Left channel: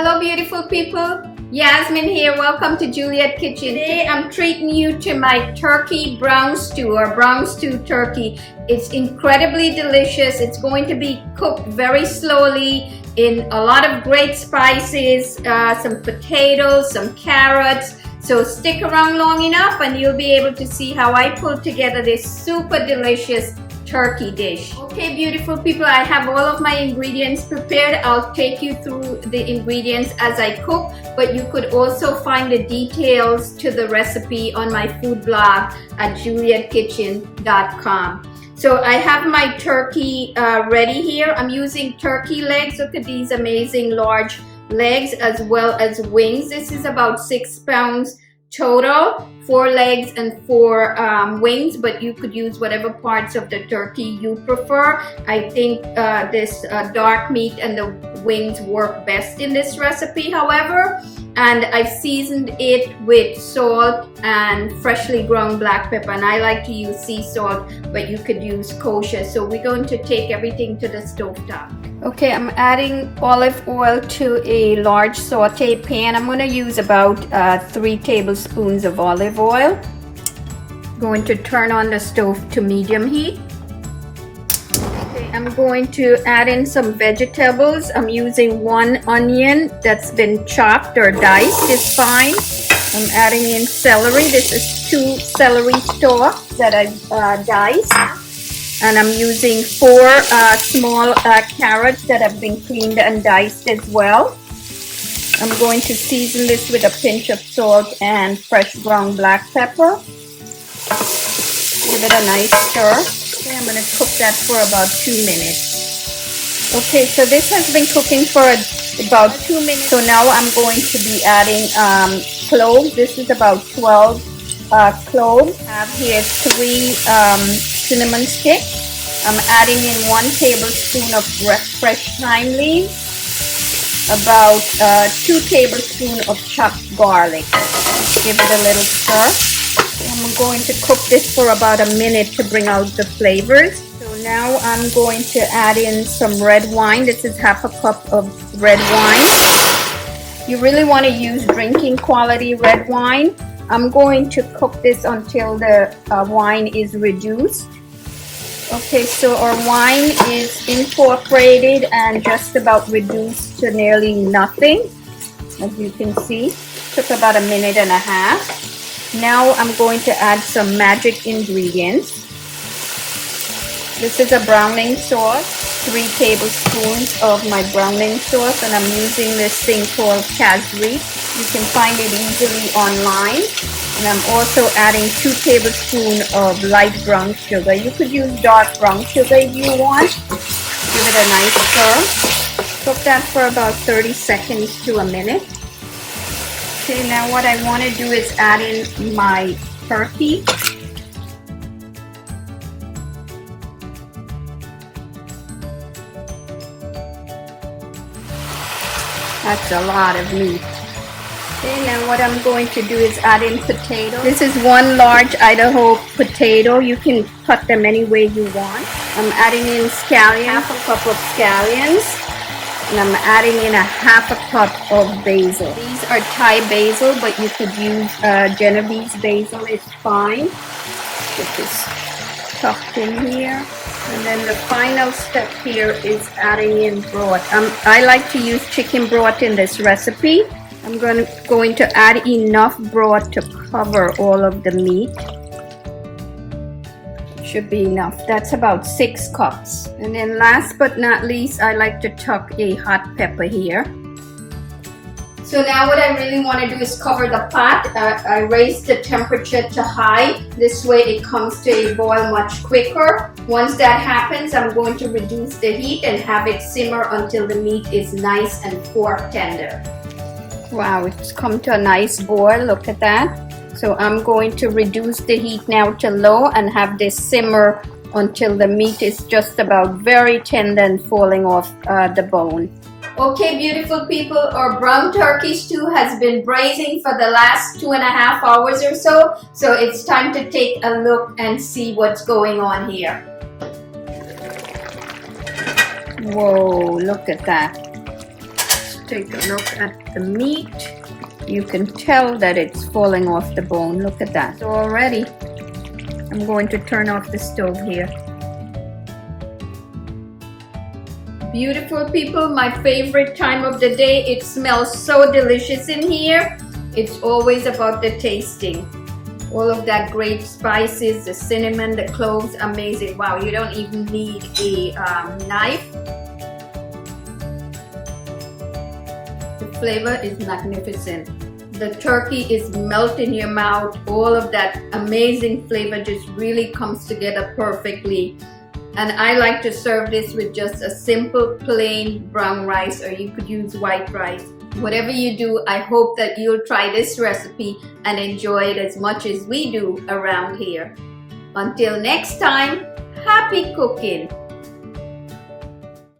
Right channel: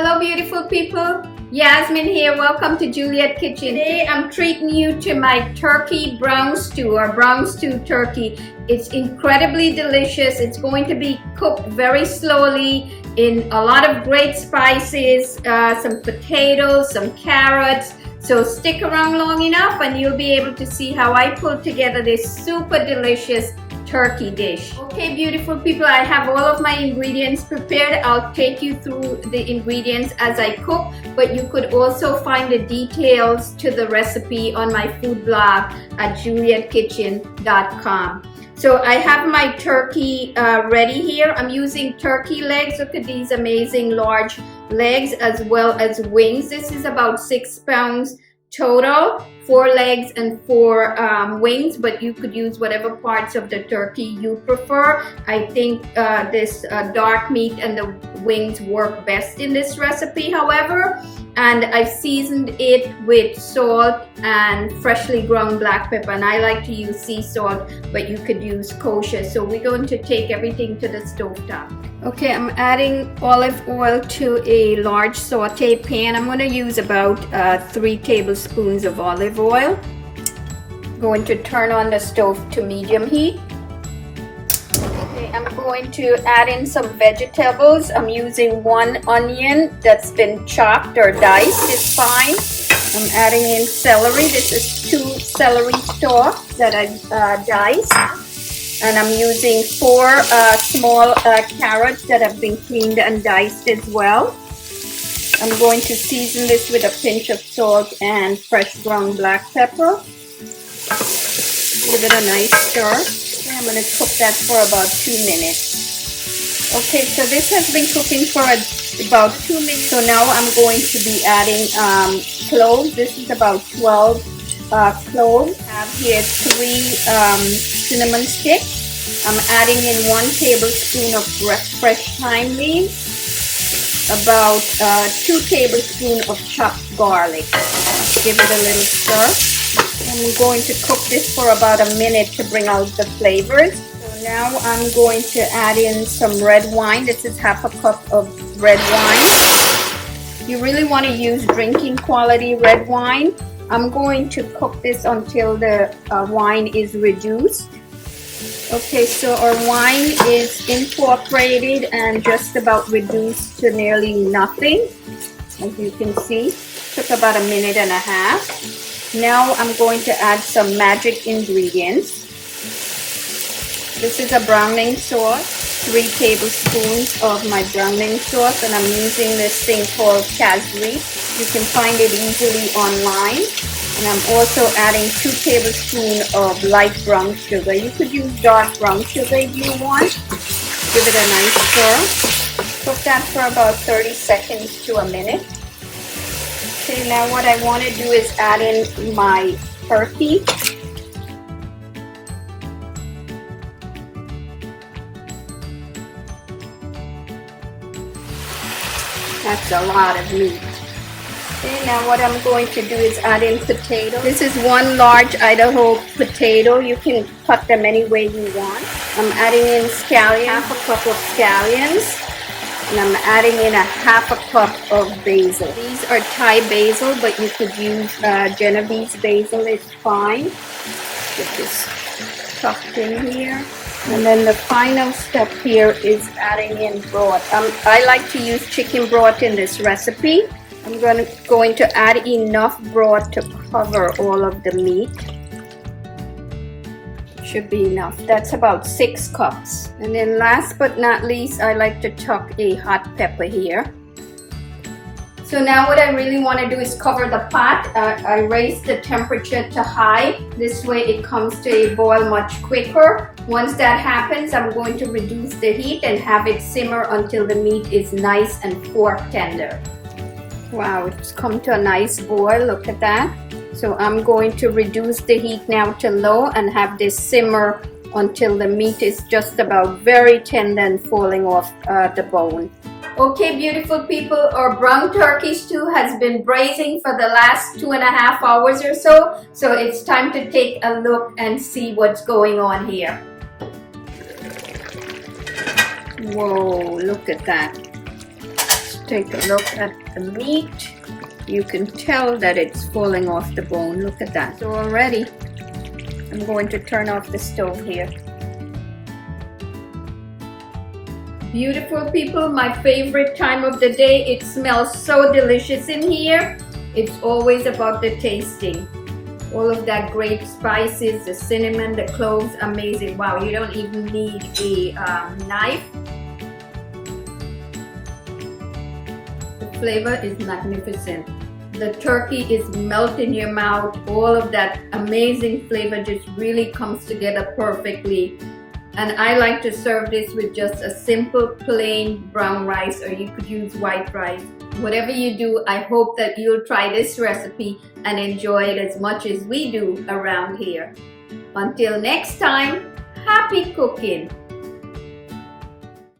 Hello beautiful people, Yasmin here. Welcome to Juliet Kitchen. Today I'm treating you to my turkey brown stew or brown stew turkey. It's incredibly delicious. It's going to be cooked very slowly in a lot of great spices, some potatoes, some carrots. So stick around long enough and you'll be able to see how I pulled together this super delicious turkey dish. Okay beautiful people, I have all of my ingredients prepared. I'll take you through the ingredients as I cook, but you could also find the details to the recipe on my food blog at julietkitchen.com. So I have my turkey ready here. I'm using turkey legs. Look at these amazing large legs as well as wings. This is about 6 pounds total, 4 legs and 4 wings, but you could use whatever parts of the turkey you prefer. I think this dark meat and the wings work best in this recipe, however. And I've seasoned it with salt and freshly ground black pepper, and I like to use sea salt, but you could use kosher. So we're going to take everything to the stove top. Okay, I'm adding olive oil to a large saute pan. I'm going to use about 3 tablespoons of olive oil. Going to turn on the stove to medium heat. Okay, I'm going to add in some vegetables. I'm using 1 onion that's been chopped or diced is fine. I'm adding in celery. This is 2 celery stalks that I've diced. And I'm using 4 small carrots that have been cleaned and diced as well. I'm going to season this with a pinch of salt and fresh ground black pepper. Give it a nice stir. Okay, I'm going to cook that for about 2 minutes. Okay, so this has been cooking for about 2 minutes. So now I'm going to be adding cloves. This is about 12 cloves. I have here 3 cinnamon sticks. I'm adding in 1 tablespoon of fresh thyme leaves, about 2 tablespoons of chopped garlic. Give it a little stir. I'm going to cook this for about a minute to bring out the flavors. So now I'm going to add in some red wine. This is half a cup of red wine. You really want to use drinking quality red wine. I'm going to cook this until the wine is reduced. Okay, so our wine is incorporated and just about reduced to nearly nothing. As you can see, took about a minute and a half. Now I'm going to add some magic ingredients. This is a browning sauce, 3 tablespoons of my browning sauce, and I'm using this thing called Casri. You can find it easily online. And I'm also adding 2 tablespoons of light brown sugar. You could use dark brown sugar if you want. Give it a nice stir. Cook that for about 30 seconds to a minute. Okay, now what I want to do is add in my turkey. That's a lot of meat. Okay, now what I'm going to do is add in potatoes. This is 1 large Idaho potato. You can cut them any way you want. I'm adding in scallions, half a cup of scallions. And I'm adding in a half a cup of basil. These are Thai basil, but you could use Genovese basil, it's fine. It's just tucked in here. And then the final step here is adding in broth. I like to use chicken broth in this recipe. I'm going to add enough broth to cover all of the meat. Should be enough. That's about 6 cups. And then last but not least, I like to tuck a hot pepper here. So now what I really want to do is cover the pot. I raise the temperature to high. This way it comes to a boil much quicker. Once that happens, I'm going to reduce the heat and have it simmer until the meat is nice and fork tender. Wow, it's come to a nice boil. Look at that. So I'm going to reduce the heat now to low and have this simmer until the meat is just about very tender and falling off the bone. Okay, beautiful people, our brown turkey stew has been braising for the last 2.5 hours or so. So it's time to take a look and see what's going on here. Whoa, look at that. take a look at the meat. You can tell that it's falling off the bone. Look at that. So already, I'm going to turn off the stove here. Beautiful people, my favorite time of the day. It smells so delicious in here. It's always about the tasting. All of that great spices, the cinnamon, the cloves, amazing. Wow, you don't even need a knife. The flavor is magnificent. The turkey is melting in your mouth. All of that amazing flavor just really comes together perfectly. And I like to serve this with just a simple plain brown rice, or you could use white rice. Whatever you do, I hope that you'll try this recipe and enjoy it as much as we do around here. Until next time, happy cooking!